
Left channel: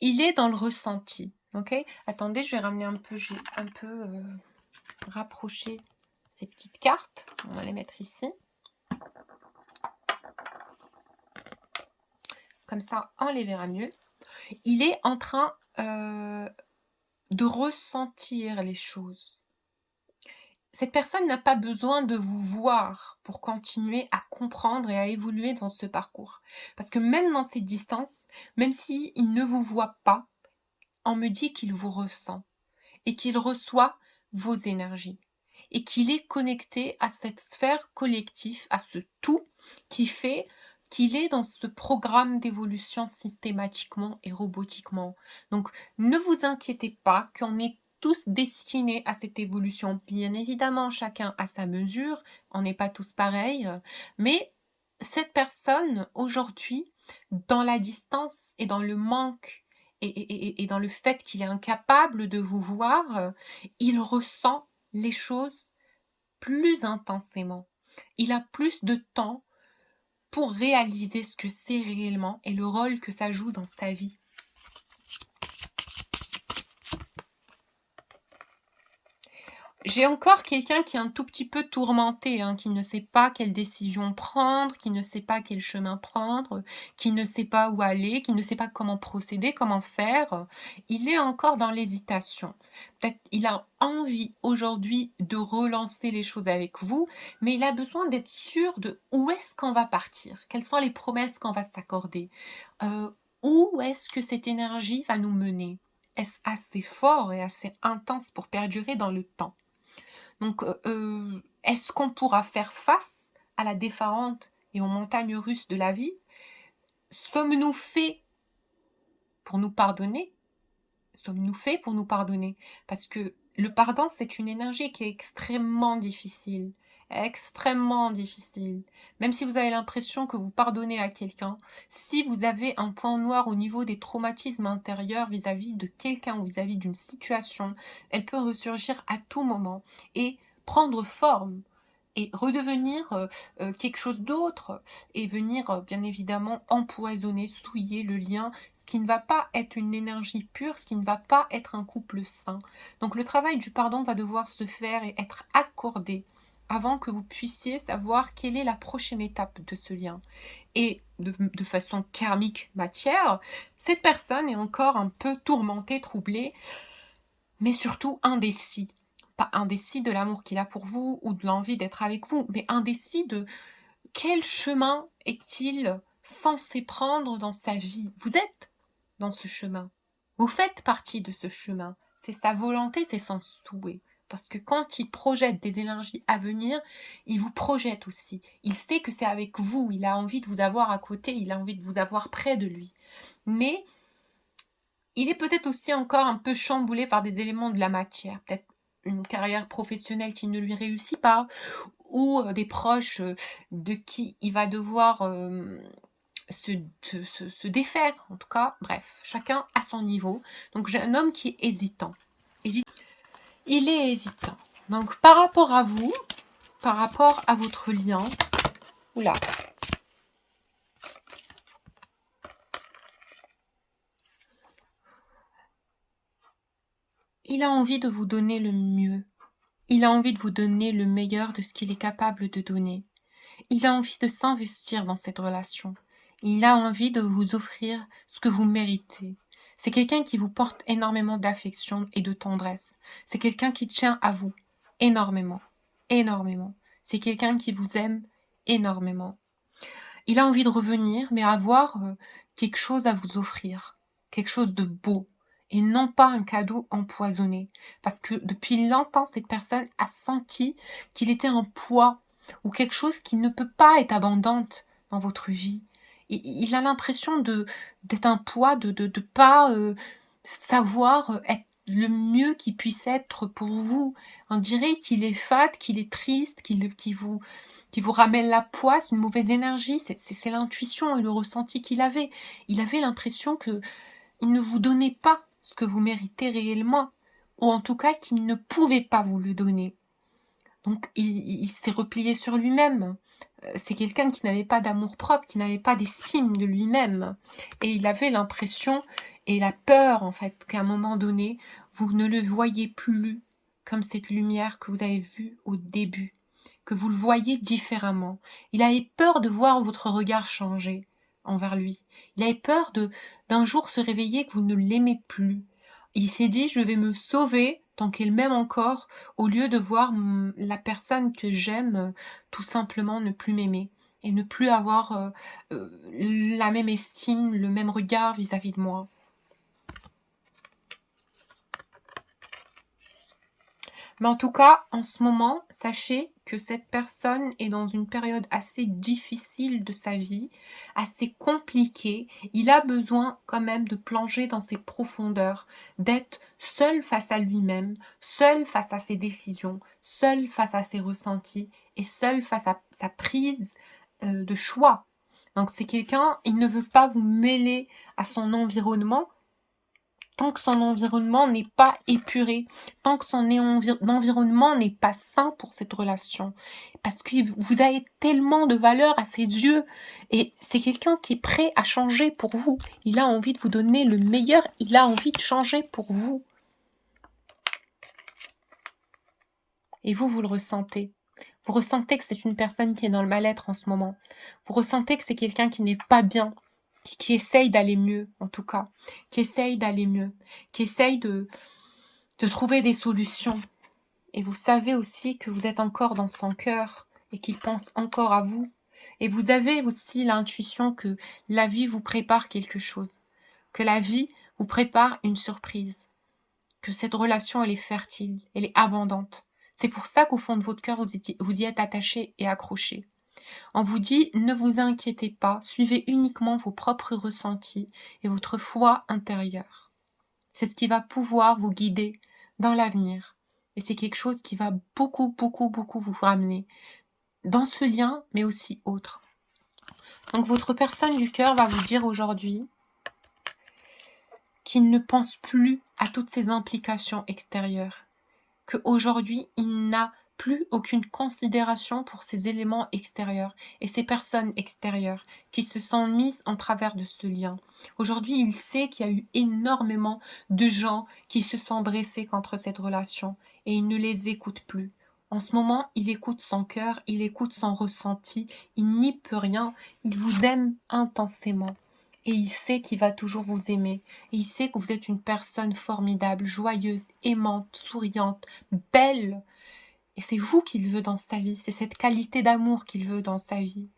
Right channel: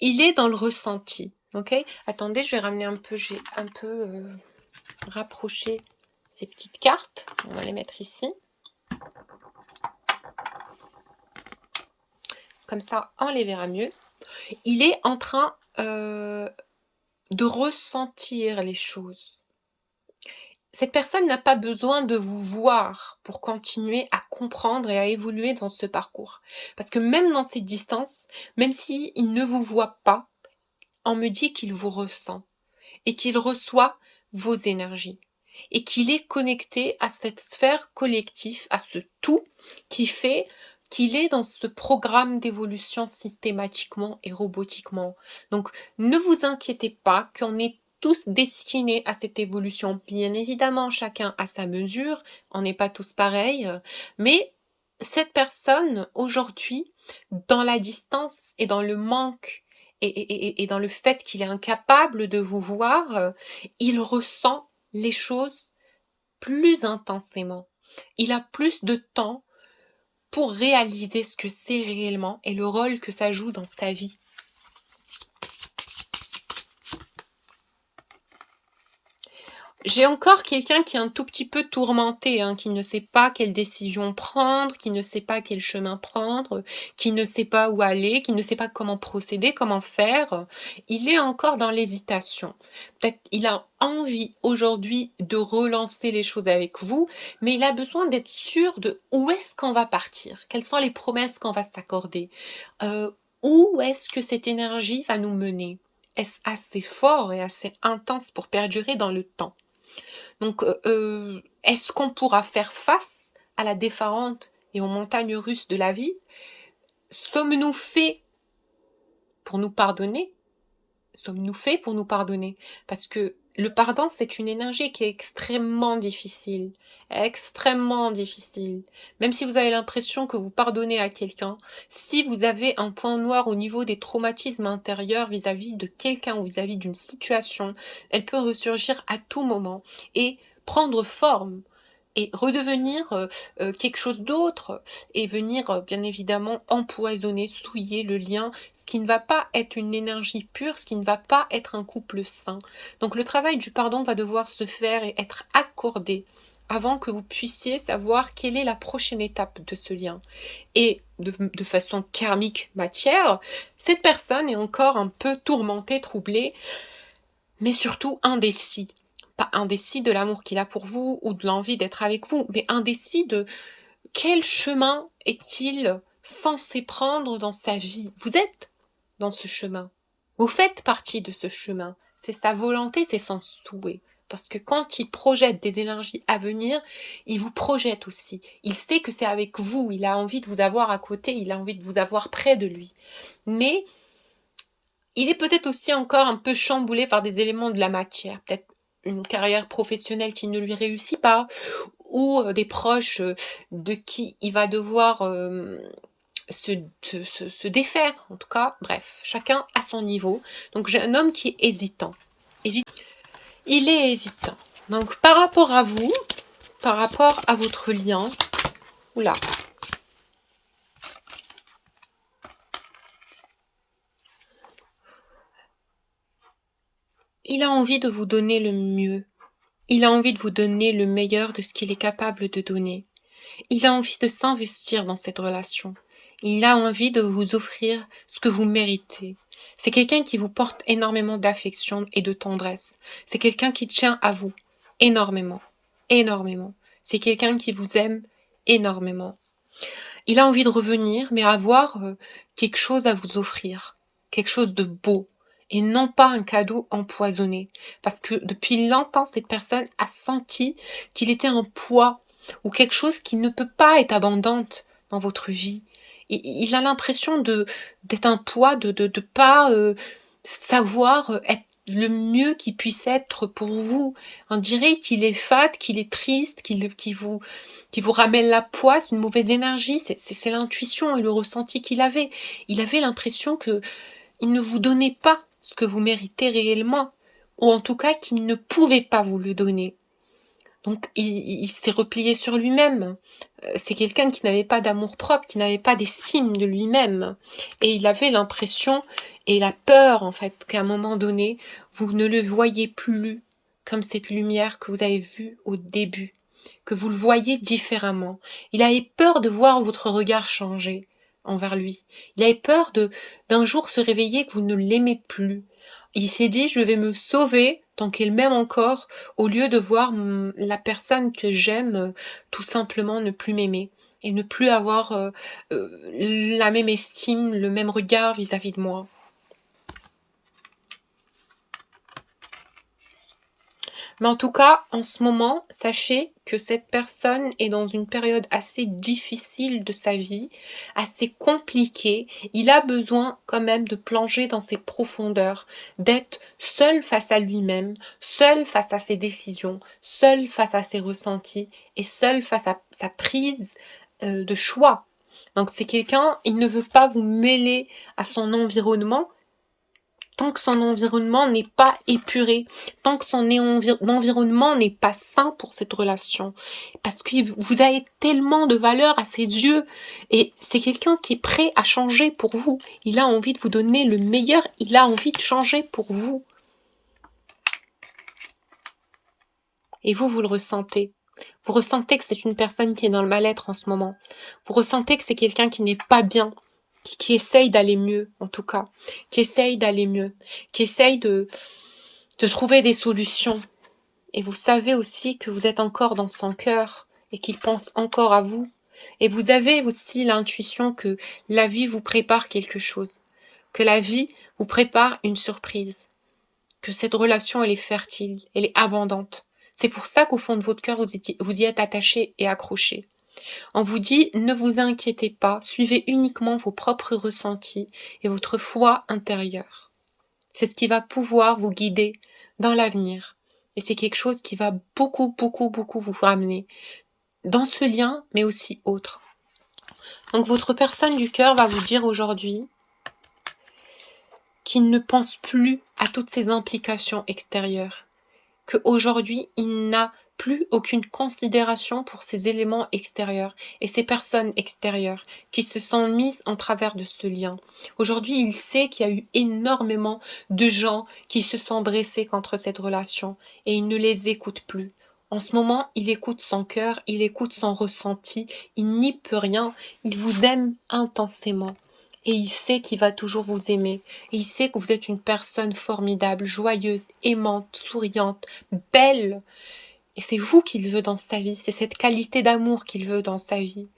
Il est dans le ressenti, ok? Attendez, je vais ramener un peu, j'ai un peu rapproché ces petites cartes. On va les mettre ici. Comme ça, on les verra mieux. Il est en train de ressentir les choses. Cette personne n'a pas besoin de vous voir pour continuer à comprendre et à évoluer dans ce parcours. Parce que même dans cette distance, même s'il ne vous voit pas, on me dit qu'il vous ressent et qu'il reçoit vos énergies et qu'il est connecté à cette sphère collective, à ce tout qui fait qu'il est dans ce programme d'évolution systématiquement et robotiquement. Donc, ne vous inquiétez pas qu'on est tous destinés à cette évolution. Bien évidemment, chacun à sa mesure, on n'est pas tous pareils, mais cette personne, aujourd'hui, dans la distance et dans le manque et dans le fait qu'il est incapable de vous voir, il ressent les choses plus intensément. Il a plus de temps pour réaliser ce que c'est réellement et le rôle que ça joue dans sa vie. J'ai encore quelqu'un qui est un tout petit peu tourmenté, hein, qui ne sait pas quelle décision prendre, qui ne sait pas quel chemin prendre, qui ne sait pas où aller, qui ne sait pas comment procéder, comment faire. Il est encore dans l'hésitation. Peut-être il a envie aujourd'hui de relancer les choses avec vous, mais il a besoin d'être sûr de où est-ce qu'on va partir, quelles sont les promesses qu'on va s'accorder, où est-ce que cette énergie va nous mener. Est-ce assez fort et assez intense pour perdurer dans le temps? Donc, est-ce qu'on pourra faire face à la déferlante et aux montagnes russes de la vie? Sommes-nous faits pour nous pardonner? Sommes-nous faits pour nous pardonner? Parce que le pardon, c'est une énergie qui est extrêmement difficile, extrêmement difficile. Même si vous avez l'impression que vous pardonnez à quelqu'un, si vous avez un point noir au niveau des traumatismes intérieurs vis-à-vis de quelqu'un ou vis-à-vis d'une situation, elle peut ressurgir à tout moment et prendre forme et redevenir quelque chose d'autre et venir bien évidemment empoisonner, souiller le lien, ce qui ne va pas être une énergie pure, ce qui ne va pas être un couple sain. Donc le travail du pardon va devoir se faire et être accordé avant que vous puissiez savoir quelle est la prochaine étape de ce lien. Et de façon karmique matière, cette personne est encore un peu tourmentée, troublée, mais surtout indécis. Pas indécis de l'amour qu'il a pour vous ou de l'envie d'être avec vous, mais indécis de quel chemin est-il censé prendre dans sa vie. Vous êtes dans ce chemin. Vous faites partie de ce chemin. C'est sa volonté, c'est son souhait. Parce que quand il projette des énergies à venir, il vous projette aussi. Il sait que c'est avec vous, il a envie de vous avoir à côté, il a envie de vous avoir près de lui. Mais Il est peut-être aussi encore un peu chamboulé par des éléments de la matière, peut-être une carrière professionnelle qui ne lui réussit pas ou, des proches, de qui il va devoir, se se défaire. En tout cas, bref, chacun à son niveau. Donc j'ai un homme qui est hésitant. Évi Il est hésitant. Donc par rapport à vous, par rapport à votre lien, oula. Il a envie de vous donner le mieux. Il a envie de vous donner le meilleur de ce qu'il est capable de donner. Il a envie de s'investir dans cette relation. Il a envie de vous offrir ce que vous méritez. C'est quelqu'un qui vous porte énormément d'affection et de tendresse. C'est quelqu'un qui tient à vous énormément, énormément. C'est quelqu'un qui vous aime énormément. Il a envie de revenir, mais avoir, quelque chose à vous offrir, quelque chose de beau et non pas un cadeau empoisonné. Parce que depuis longtemps, cette personne a senti qu'il était un poids ou quelque chose qui ne peut pas être abondante dans votre vie. Il a l'impression d'être un poids, de pas, savoir, être le mieux qu'il puisse être pour vous. On dirait qu'il est fade, qu'il est triste, qui vous ramène la poisse, une mauvaise énergie. C'est l'intuition et le ressenti qu'il avait. Il avait l'impression que il ne vous donnait pas ce que vous méritez réellement, ou en tout cas qu'il ne pouvait pas vous le donner. Donc il s'est replié sur lui-même. C'est quelqu'un qui n'avait pas d'amour-propre, qui n'avait pas d'estime de lui-même et il avait l'impression et la peur, en fait, qu'à un moment donné, vous ne le voyiez plus comme cette lumière que vous avez vue au début, que vous le voyiez différemment. Il avait peur de voir votre regard changer envers lui. Il avait peur d'un jour se réveiller que vous ne l'aimez plus. Il s'est dit: «Je vais me sauver tant qu'il m'aime encore, au lieu de voir, la personne que j'aime, tout simplement ne plus m'aimer et ne plus avoir, la même estime, le même regard vis-à-vis de moi». Mais en tout cas, en ce moment, sachez que cette personne est dans une période assez difficile de sa vie, assez compliquée. Il a besoin quand même de plonger dans ses profondeurs, d'être seul face à lui-même, seul face à ses décisions, seul face à ses ressentis et seul face à sa prise, de choix. Donc c'est quelqu'un, il ne veut pas vous mêler à son environnement, tant que son environnement n'est pas épuré, tant que son environnement n'est pas sain pour cette relation. Parce que vous avez tellement de valeur à ses yeux et c'est quelqu'un qui est prêt à changer pour vous. Il a envie de vous donner le meilleur, il a envie de changer pour vous. Et vous le ressentez. Vous ressentez que c'est une personne qui est dans le mal-être en ce moment. Vous ressentez que c'est quelqu'un qui n'est pas bien, qui essaye d'aller mieux, en tout cas, qui essaye d'aller mieux, qui essaye de trouver des solutions. Et vous savez aussi que vous êtes encore dans son cœur et qu'il pense encore à vous. Et vous avez aussi l'intuition que la vie vous prépare quelque chose, que la vie vous prépare une surprise, que cette relation, elle est fertile, elle est abondante. C'est pour ça qu'au fond de votre cœur, vous y êtes attaché et accroché. On vous dit, ne vous inquiétez pas, suivez uniquement vos propres ressentis et votre foi intérieure. C'est ce qui va pouvoir vous guider dans l'avenir. Et c'est quelque chose qui va beaucoup, beaucoup, beaucoup vous ramener dans ce lien, mais aussi autre. Donc votre personne du cœur va vous dire aujourd'hui qu'il ne pense plus à toutes ces implications extérieures, qu'aujourd'hui, il n'a plus aucune considération pour ces éléments extérieurs et ces personnes extérieures qui se sont mises en travers de ce lien. Aujourd'hui, il sait qu'il y a eu énormément de gens qui se sont dressés contre cette relation et il ne les écoute plus. En ce moment, il écoute son cœur, il écoute son ressenti, il n'y peut rien, il vous aime intensément. Et il sait qu'il va toujours vous aimer. Et il sait que vous êtes une personne formidable, joyeuse, aimante, souriante, belle. Et c'est vous qu'il veut dans sa vie. C'est cette qualité d'amour qu'il veut dans sa vie.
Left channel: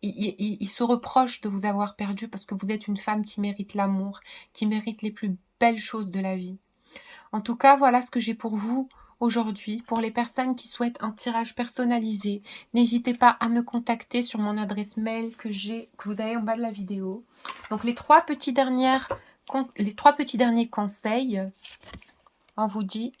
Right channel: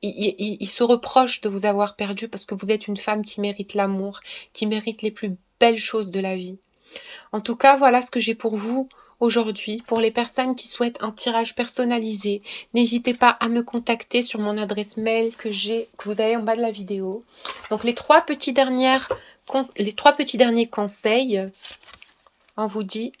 Il se reproche de vous avoir perdu parce que vous êtes une femme qui mérite l'amour, qui mérite les plus belles choses de la vie. En tout cas, voilà ce que j'ai pour vous aujourd'hui. Pour les personnes qui souhaitent un tirage personnalisé, n'hésitez pas à me contacter sur mon adresse mail que vous avez en bas de la vidéo. Donc les 3 petites dernières les 3 petits derniers conseils, on vous dit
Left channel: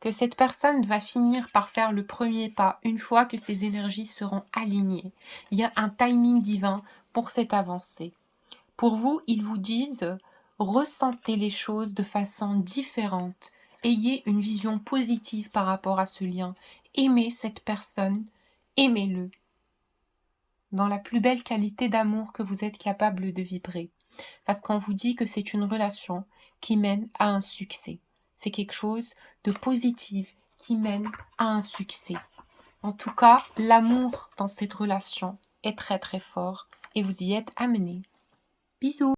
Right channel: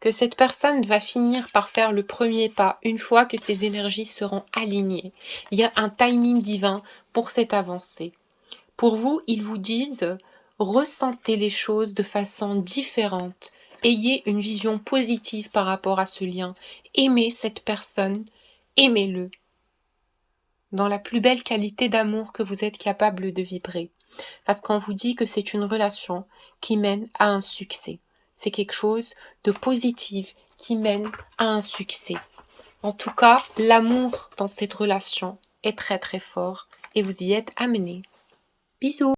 que cette personne va finir par faire le premier pas une fois que ses énergies seront alignées. Il y a un timing divin pour cette avancée. Pour vous, ils vous disent, ressentez les choses de façon différente. Ayez une vision positive par rapport à ce lien. Aimez cette personne, aimez-le dans la plus belle qualité d'amour que vous êtes capable de vibrer. Parce qu'on vous dit que c'est une relation qui mène à un succès. C'est quelque chose de positif qui mène à un succès. En tout cas, l'amour dans cette relation est très très fort et vous y êtes amenés. Bisous!